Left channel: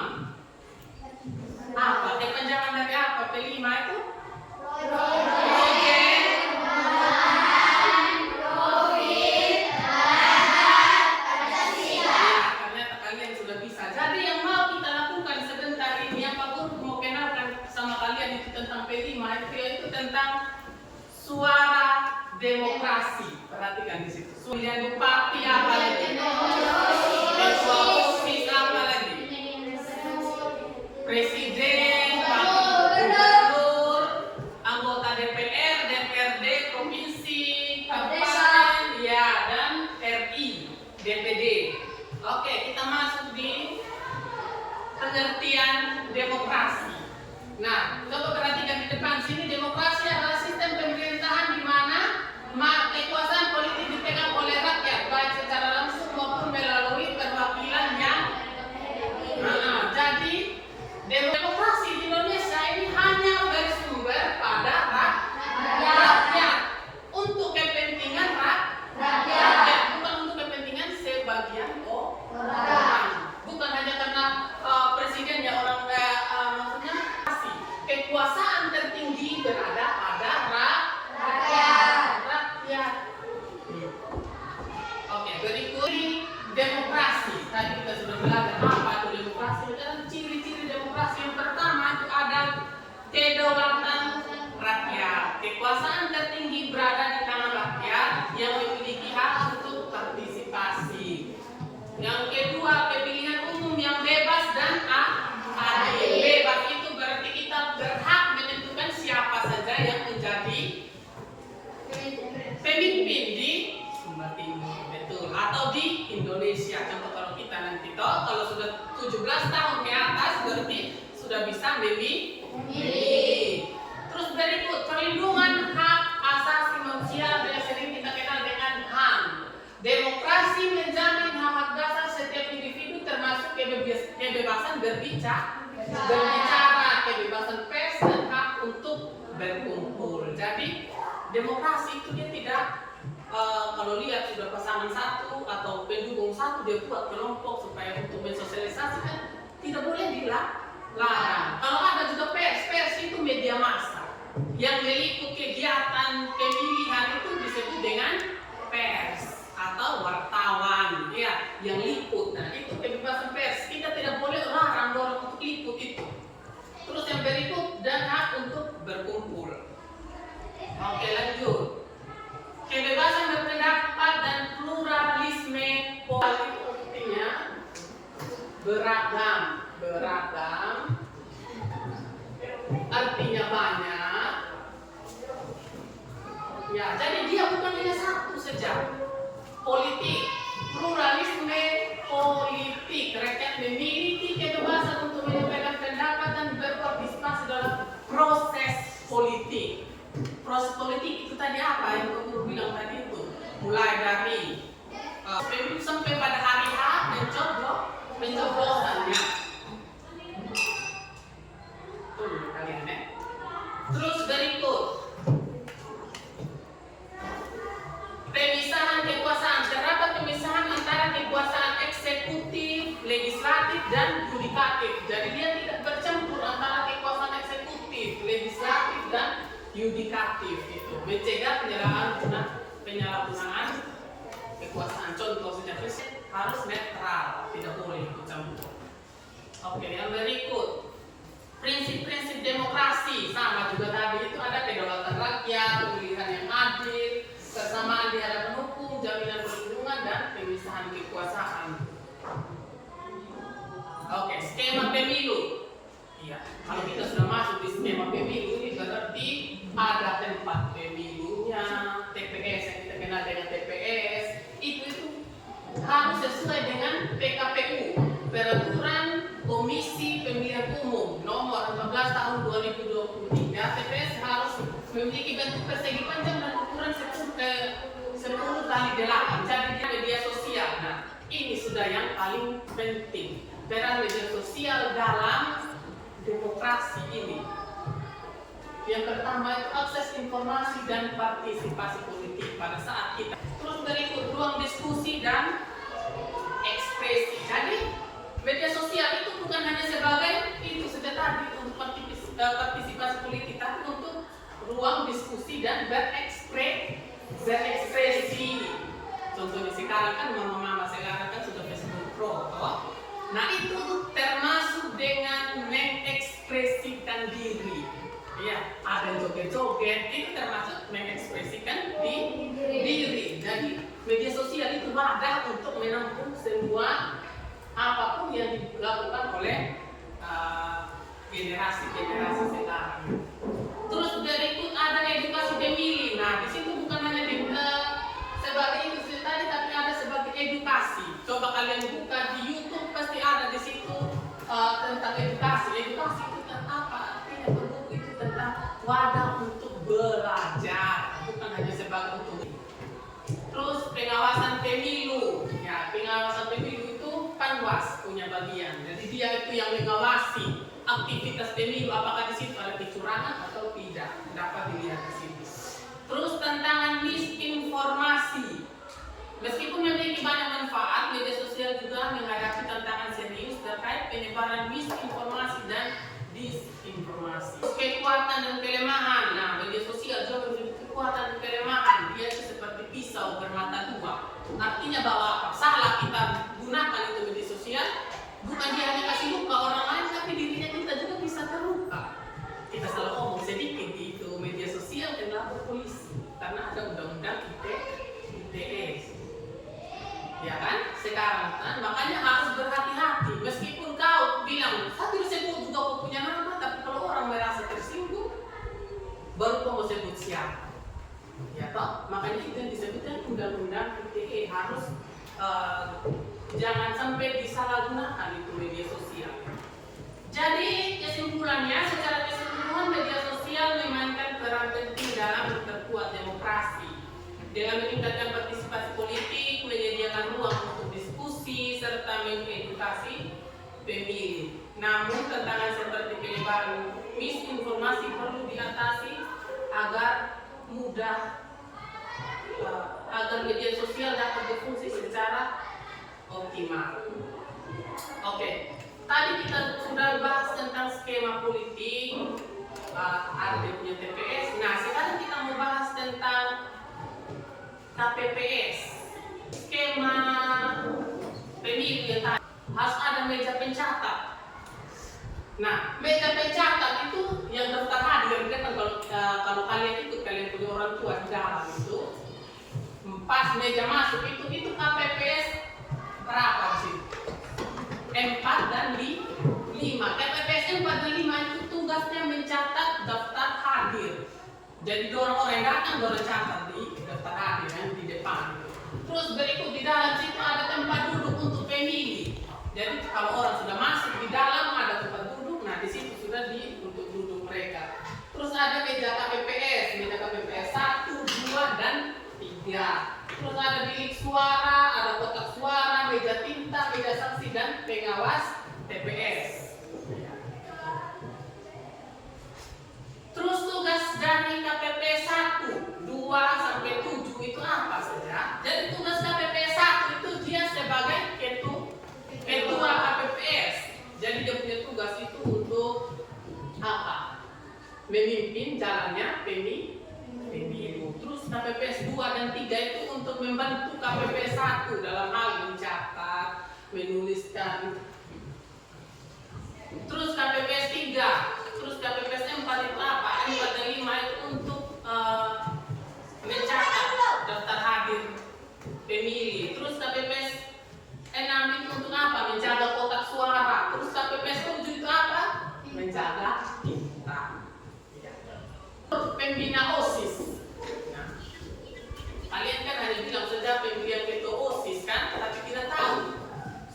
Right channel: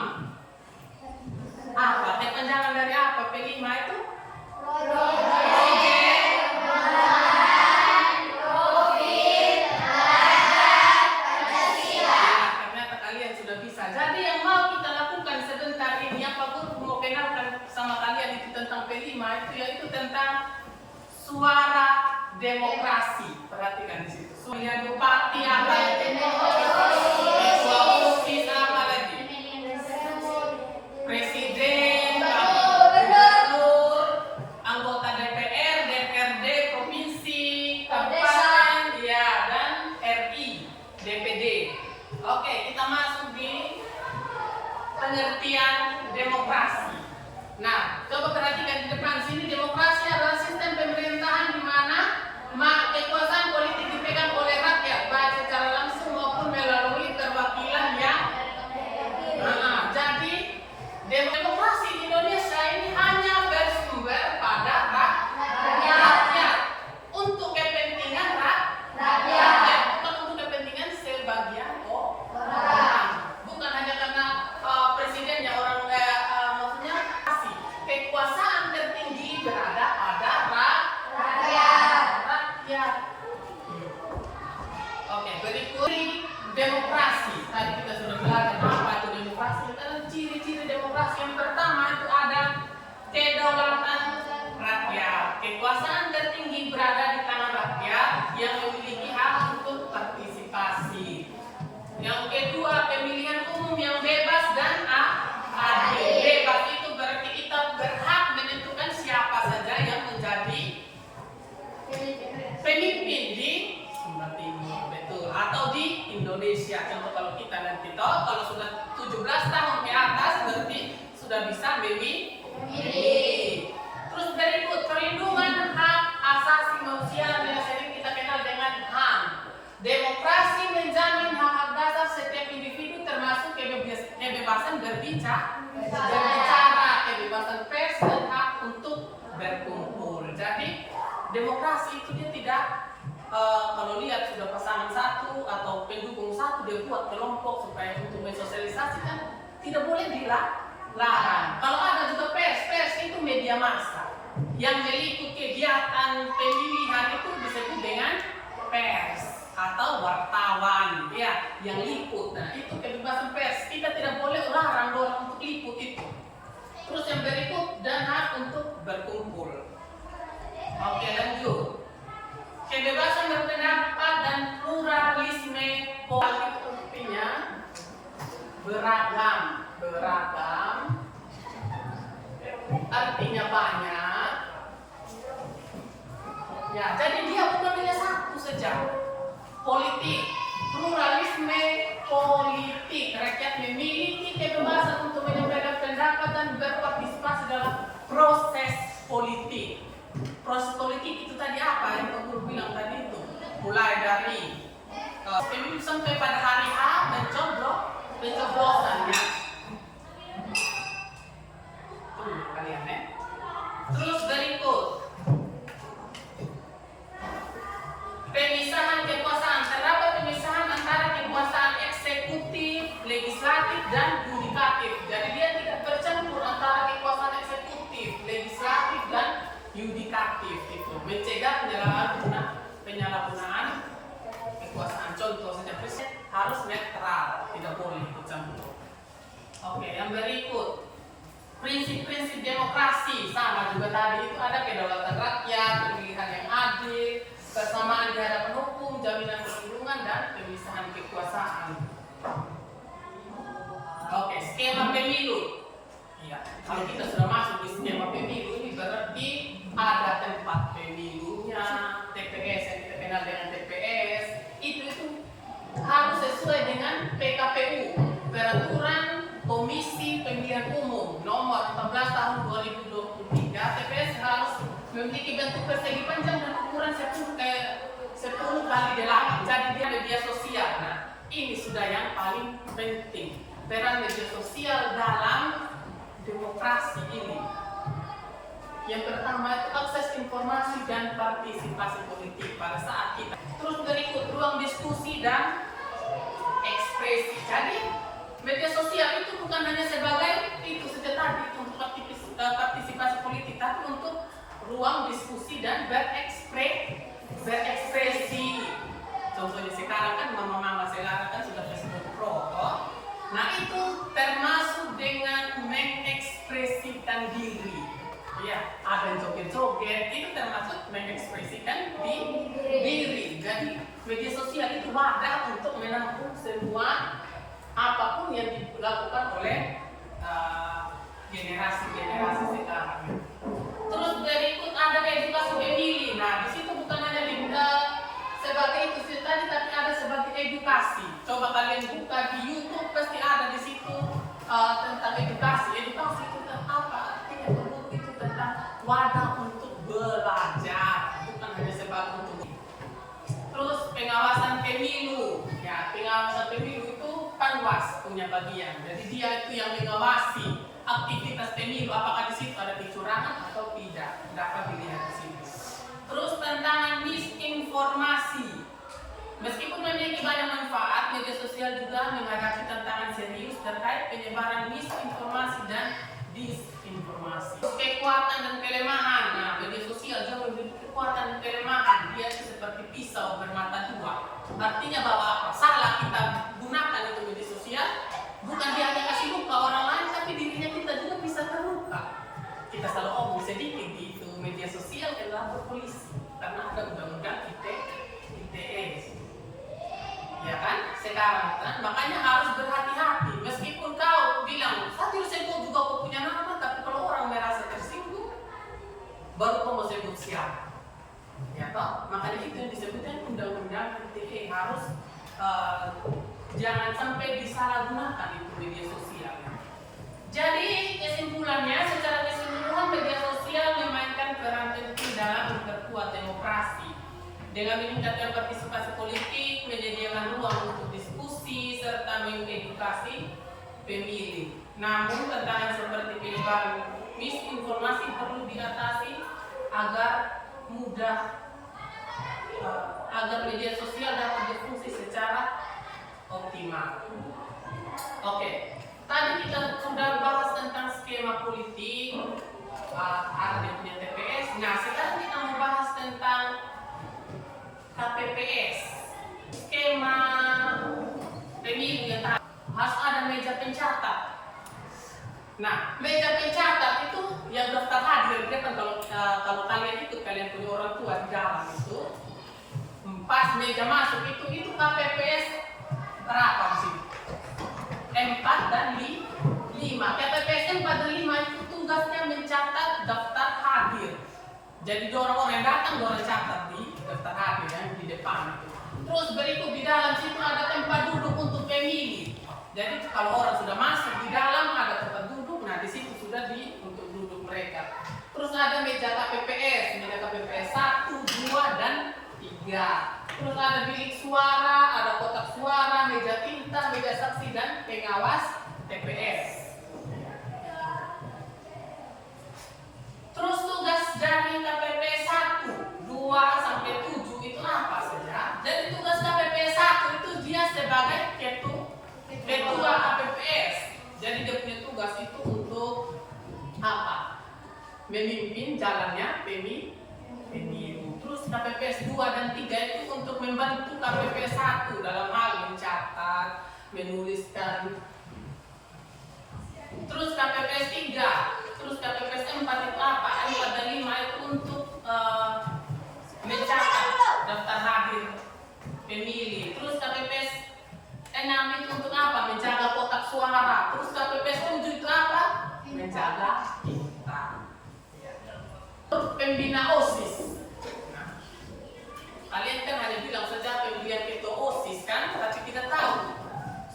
P5? Apa? Kepanjangan dari apa? P5 itu? Ternyata kalian sudah bisa. Jadi yang mau kita lakukan sebentar ini, yang Pak Guru mau kenalkan sama kalian itu tentang P5 itu, yaitu tentang suara demokrasi. Perhatikan di situ. Suara bupati apa lagi? Ketua OSIS apa lagi? Presiden, gubernur, anggota DPR, DPRD, provinsi, kabupaten, ya, dan RI, DPD. Oke, kita masuk di pengertian demokrasi. Nah, coba perhatikan di depan sini, demokrasi adalah sistem pemerintahan di mana kekuasaan politik dipegang oleh rakyat, baik secara langsung maupun melalui perwakilan yang jadi demokrasi di Indonesia ini hanya bersumber pada rakyat untuk kepentingan rakyat, bukan untuk kepentingan sebagian orang. Bukan hanya karena presidennya orang maksudnya kekuasaan tertinggi berada pada rakyat. Oke, berikut demokrasi. Tadi kita sudah belajar apa itu demokrasi. Dan ciri-ciri demokrasi yang pertama itu ada kedaulatan rakyat. Kekuasaan tertinggi berada di tangan rakyat yang memiliki hak untuk partisipasi. Yang kedua, pemilihan umum yang bebas dan adil. Bebas itu berarti kita berhak menentukan siapa saja yang menjadi pemimpin di Sumba Timur, betul, atau di Indonesia. Contoh kalau kita nanti kalau sudah 17 tahun ke atas berarti sudah bisa memilih. Terus berikut, perlindungan hak asasi manusia yang sering kita kenal dengan HAM. Demokrasi menjamin hak dasar setiap individu termasuk kebebasan berbicara, kebebasan pers dan hak untuk berkumpul. Jadi demokrasi itu dia tidak kalau lihat sudah pasangan satu atau pendukung satu dia buat kelompok supaya untuk mensosialisasikan, tidak boleh dilarang. Kalau ada juga pers itu media massa yang meliput kegiatan pemilihan itu disebut dengan pers atau wartawan, ya, yang liput. Nah, itu kebebasan pers. Kita tidak boleh larang orang untuk liput itu. Terus yang berikut, dan hak untuk berkumpul. Oke, lanjut. Kebebasan berpendapat dan pluralisme politik artinya beragam. Artinya banyak. Ya, jadi dia bukan hanya satu saja. Politik, pluralisme politik. Rakyat memiliki kebebasan untuk menyampaikan pendapat dan berpartisipasi dalam proses politik. Proses politik itu tadi apa yang Pak Guru bilang tadi itu? Mulai dari pemilu sampai pada hari H pencoblosannya. Tuh kalian ya. Terus berikut pemisahan kekuasaan. Terdapat pemisahan antara kekuasaan eksekutif, legislatif, dan yudikatif. Jadi dia tidak bercampur antara kekuasaan eksekutif, legislatif, dan yudikatif itu. Mencegah penyalahgunaan kekuasaan. Contoh saja presiden harus netral, tidak boleh ikut campur. Oke, yang berikut prinsip-prinsip demokrasi sama juga tadi itu ada kedaulatan rakyat, pemilihan yang adil, kesamaan di hadapan hukum, jaminan perlindungan, dan pemisahan kekuasaan. Oke, skema pemilu. Ya, kalau kita sudah masuk di skema pemilu ini berarti ada tempat pemilunya, TPS yang kita kenal dengan TPS, itu harus sesuai dengan PKPU, Peraturan Komisi Pemilihan Umum Nomor 14 Tahun 2023. TPS harus memiliki bentuk persegi panjang dan ukuran 10 kali 8. Jadi dia media sosial. Nah, ini sudah yang paling penting. Peran media sosial dalam demokrasi ini. Yang pertama itu akses informasi dan partisipasi politik pada saat kita. Terus berikut ruang diskusi dan ekspresi. Jadi media sosial itu bukan hanya berekspresi dan berekspresi. Contohnya sekarang kan mama-mama sekarang kan sudah Facebook Pro, toh? Nah itu termasuk dengan mengekspresikan diri. Ya, ada joget-joget, itu termasuk mengekspresikan diri. Jadi media sosial itu wadah untuk menampung semua apapun yang dilakukan oleh generasi-generasi sekarang. Terus berikut ada edukasi pemilih. Nah, di situ bukan hanya sebagai itu tadi, tapi ada sebagai edukasi. Coba kalian buka di YouTube, pasti ada di situ tentang edukasi. Edukasi itu tentang apa? Itu tentang wadah untuk belajar, bukan hanya sebagai untuk. Terus pengawasan pemilu. Ya, pengawasan pemilu itu Panwas punya bagian. Jadi dia itu yang mengawasi aktivitas pemilu, apakah di situ ada kecurangan atau tidak, dapat dilihat di situ. Terus tantangan misinformasi. Meskipun memiliki banyak manfaat, media sosial juga menghadapi tantangan serius terkait penyebaran misinformasi dan disinformasi. Kekuatan dan kelemahan. Nah, media sosial juga memiliki kekuatan dan kelemahan. Dia itu seperti pisau bermata dua. Artinya bahwa apa? Salah kita gunakan itu media sosial, bukan dia hanya kasih luka orang lain, tapi dirinya kita juga bisa terluka. Kita selalu omong sedikit di itu media sosial adalah berpolisi karena ada undang-undang ITE. Ya kan? Sekarang kan makanya harus berhati-hati. Meskipun kau bilang Fatir sebut juga kau punya nama, tapi kalau orang merasa tersinggung, baru kau mau sebut siapa. Ya toh? Makanya itu yang disebutkan undang-undang ITE harus jangan sampai disalahgunakan itu media sosial. Jadi kesimpulannya, secara keseluruhan media sosial memainkan peran penting dalam memperkuat demokrasi dengan meningkatkan partisipasi politik, menyediakan ruang untuk diskusi serta mengedukasi pemilih. Namun tantangan seperti penyebaran misinformasi perlu diatasi agar media sosial dapat berfungsi secara optimal. Oke. Tadi kita sudah bahas tentang skema politik, ada punya TPS. Nah, sekarang kita mau bahas tentang KPPS. Skema pemilu yang tadi harus ada meja pencatat. Nah, meja pencatat itu yang daftar hadir, kan kalau kalian ikut, kalian punya orang tua di dalam itu, pas meja masuk itu KPPS berapa di sini? 4 dan 5. KPPS 4 dan 5 itu tugasnya mencatat daftar hadir. Jadi orang-orang yang datang dorang catat di daftar hadir yang di depan. Terus berikut di dalam situ ada tempat duduk untuk pemilih. Jadi kalau orang sudah masuk di dalam ada tempat duduk, nah di situ sudah untuk duduk mereka. Terus ada meja KPPS, meja KPPS 1, 2 dan 3. Terus ada bilik suara, ada kotak suara, meja tinta, meja saksi dan pengawas TPS. Terus tugas dari KPPS 1, 2 sampai 7 itu apa saja? Jadi tugas KPPS 1 itu dia sebagai ketua KPPS. Jadi dia punya tugas itu untuk apa? Memimpin jalannya pemilu. Terus KPPS 2 dan 3 itu untuk membantu KPPS 1 dalam hal mencatat, menuliskan. Terus KPPS 3, terus KPPS 4 itu apa? 4 dan 5 itu untuk mencatat daftar hadir pemilih. Terus KPPS 6 itu untuk apa? Menjaga kotak suara. Terus KPPS 7 itu apa? Menjaga tinta. Pembina OSIS. Kalian kan hanya bilang saja pemilihan ketua OSIS kan, tapi kita tahu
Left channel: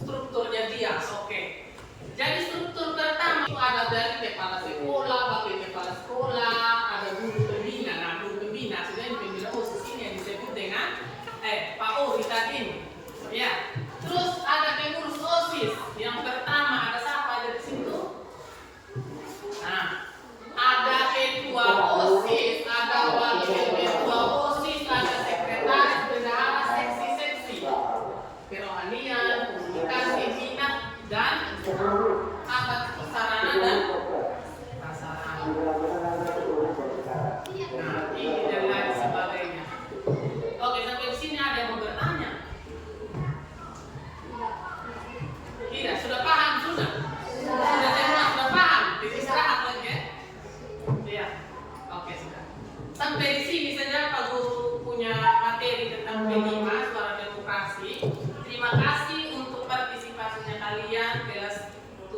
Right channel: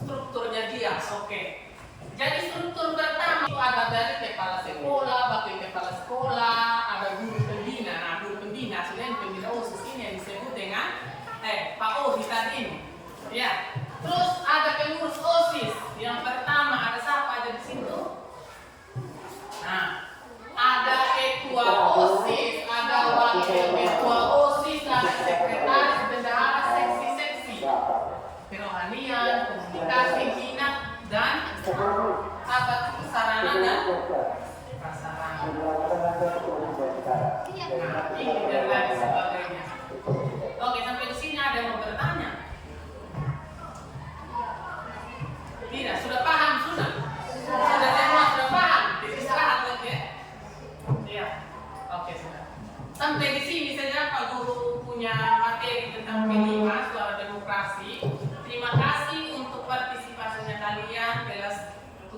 strukturnya dia. Oke. Jadi struktur pertama itu ada dari kepala sekolah, wakil kepala sekolah, ada guru pembina. Nah, guru pembina sebenarnya pembina OSIS ini yang disebut dengan Pak OSIS tadi ini. Ya. Terus ada pengurus OSIS. Yang pertama ada siapa ada di situ? Nah, ada ketua OSIS, ada wakil ketua OSIS, ada sekretaris, bendahara, seksi-seksi, kerohanian, komunikasi, minat, dan apa itu sarana dan prasarana. Nah, ini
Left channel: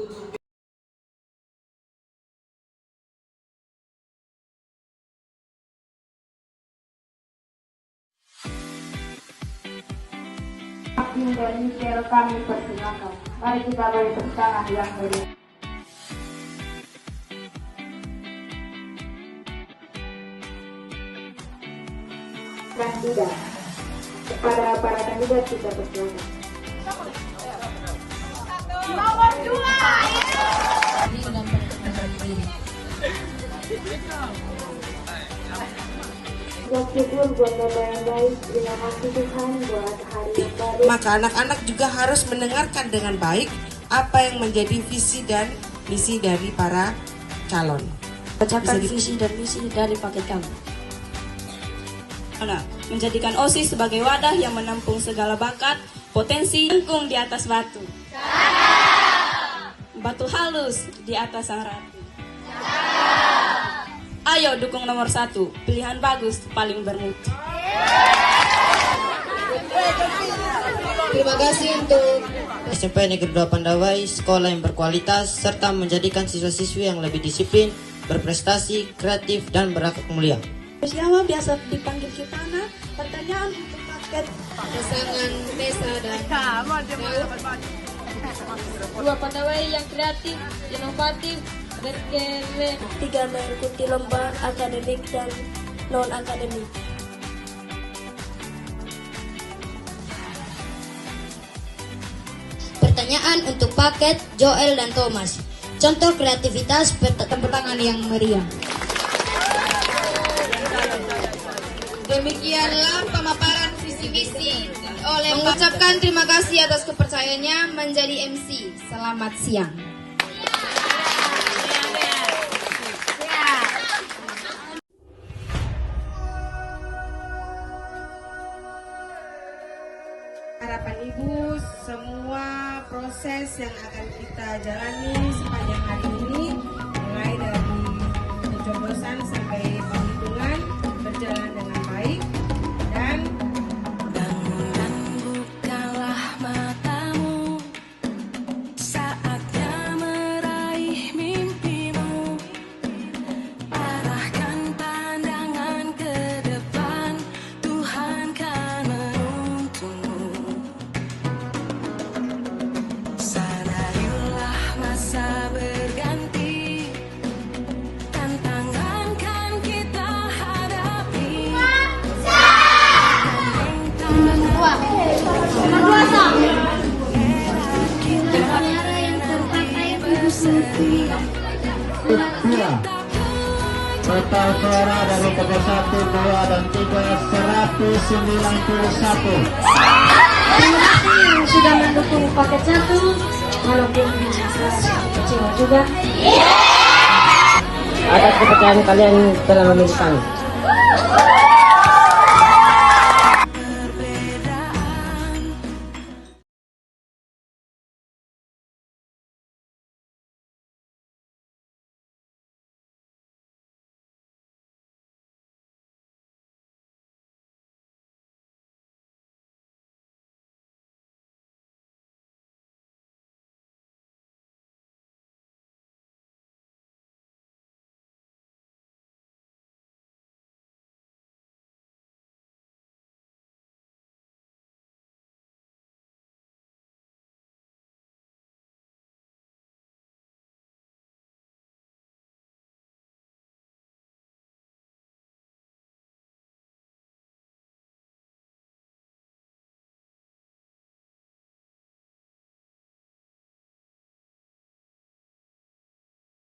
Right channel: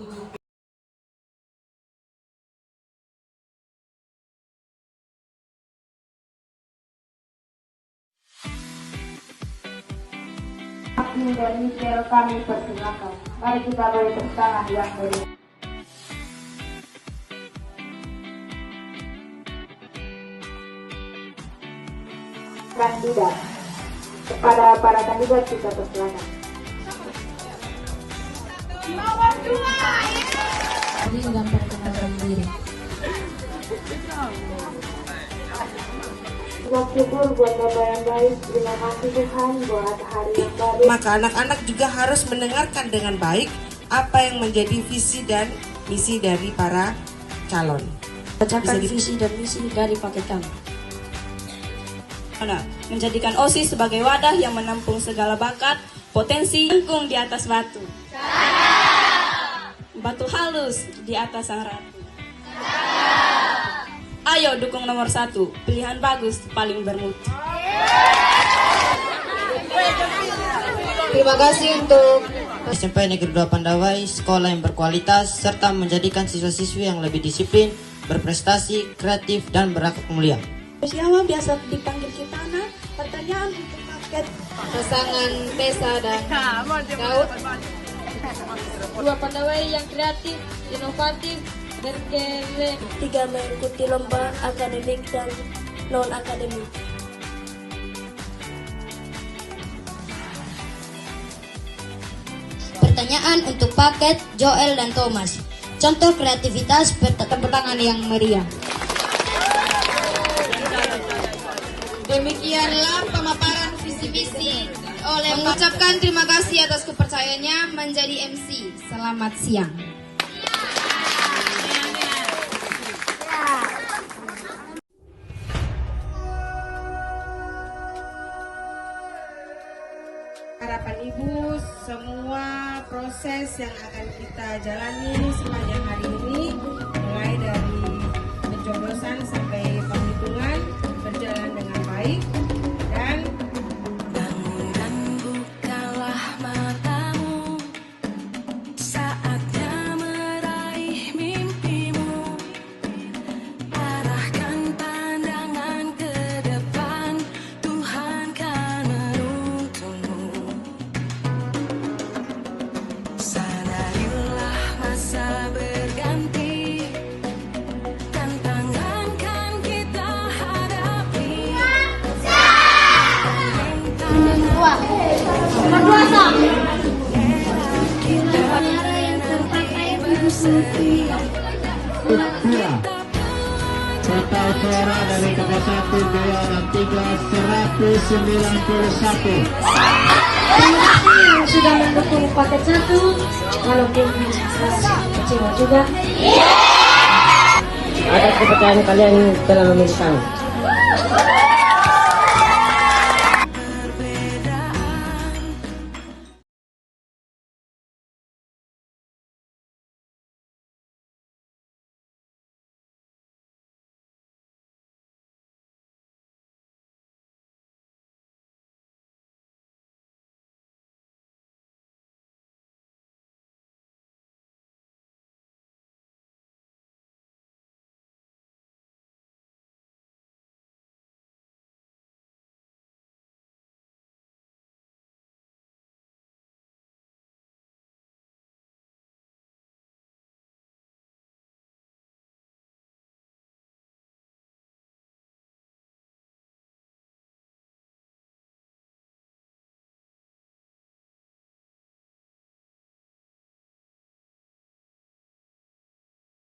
7. Indonesia kami persilakan. Mari kita beri tepuk tangan yang meriah. Kandidat, kepada para kandidat kita persilakan. Nomor 2. Ini dapat mengenal diri. Syukur buat Bapak yang baik, terima kasih Tuhan buat hari yang baru. Maka anak-anak juga harus mendengarkan dengan baik apa yang menjadi visi dan misi dari para calon. Bacakan visi dan misi dari paket kami. Menjadikan OSIS sebagai wadah yang menampung segala bakat, potensi, jengkung di atas batu. Batu halus di atas sang ratu. Ayo dukung nomor 1, pilihan bagus, paling bermutu. Terima kasih untuk SMP Negeri 2 Pandawai, sekolah yang berkualitas, serta menjadikan siswa-siswi yang lebih disiplin, berprestasi, kreatif, dan berakat mulia. Siapa biasa dipanggil Kitana? Pertanyaan untuk paket pasangan Tessa dan Daud. 2 Pandawai yang kreatif, inovatif, berkere. 3 mengikuti lomba akademik dan non-akademik. Pertanyaan untuk paket Joel dan Thomas. Contoh kreativitas Tepuk tangan yang meriah. Demikianlah pemaparan visi-misi oleh mengucapkan terima kasih atas kepercayaannya menjadi MC. Selamat siang. Harapan Ibu, semua proses yang akan kita jalani sepanjang hari ini, mulai dari pencoblosan sampai penghitungan, berjalan dengan baik dan bukalah matamu, saatnya meraih mimpimu. Arahkan pandangan ke depan, Tuhan kan menuntunmu. Sadarilah masa berganti, tantangan kan kita hadapi. Total suara dari paket 1, 2, dan 3 191. Terima kasih yang sudah mendukung paket 1, walaupun suara kecil juga. Atas kepercayaan kalian telah memilih kami.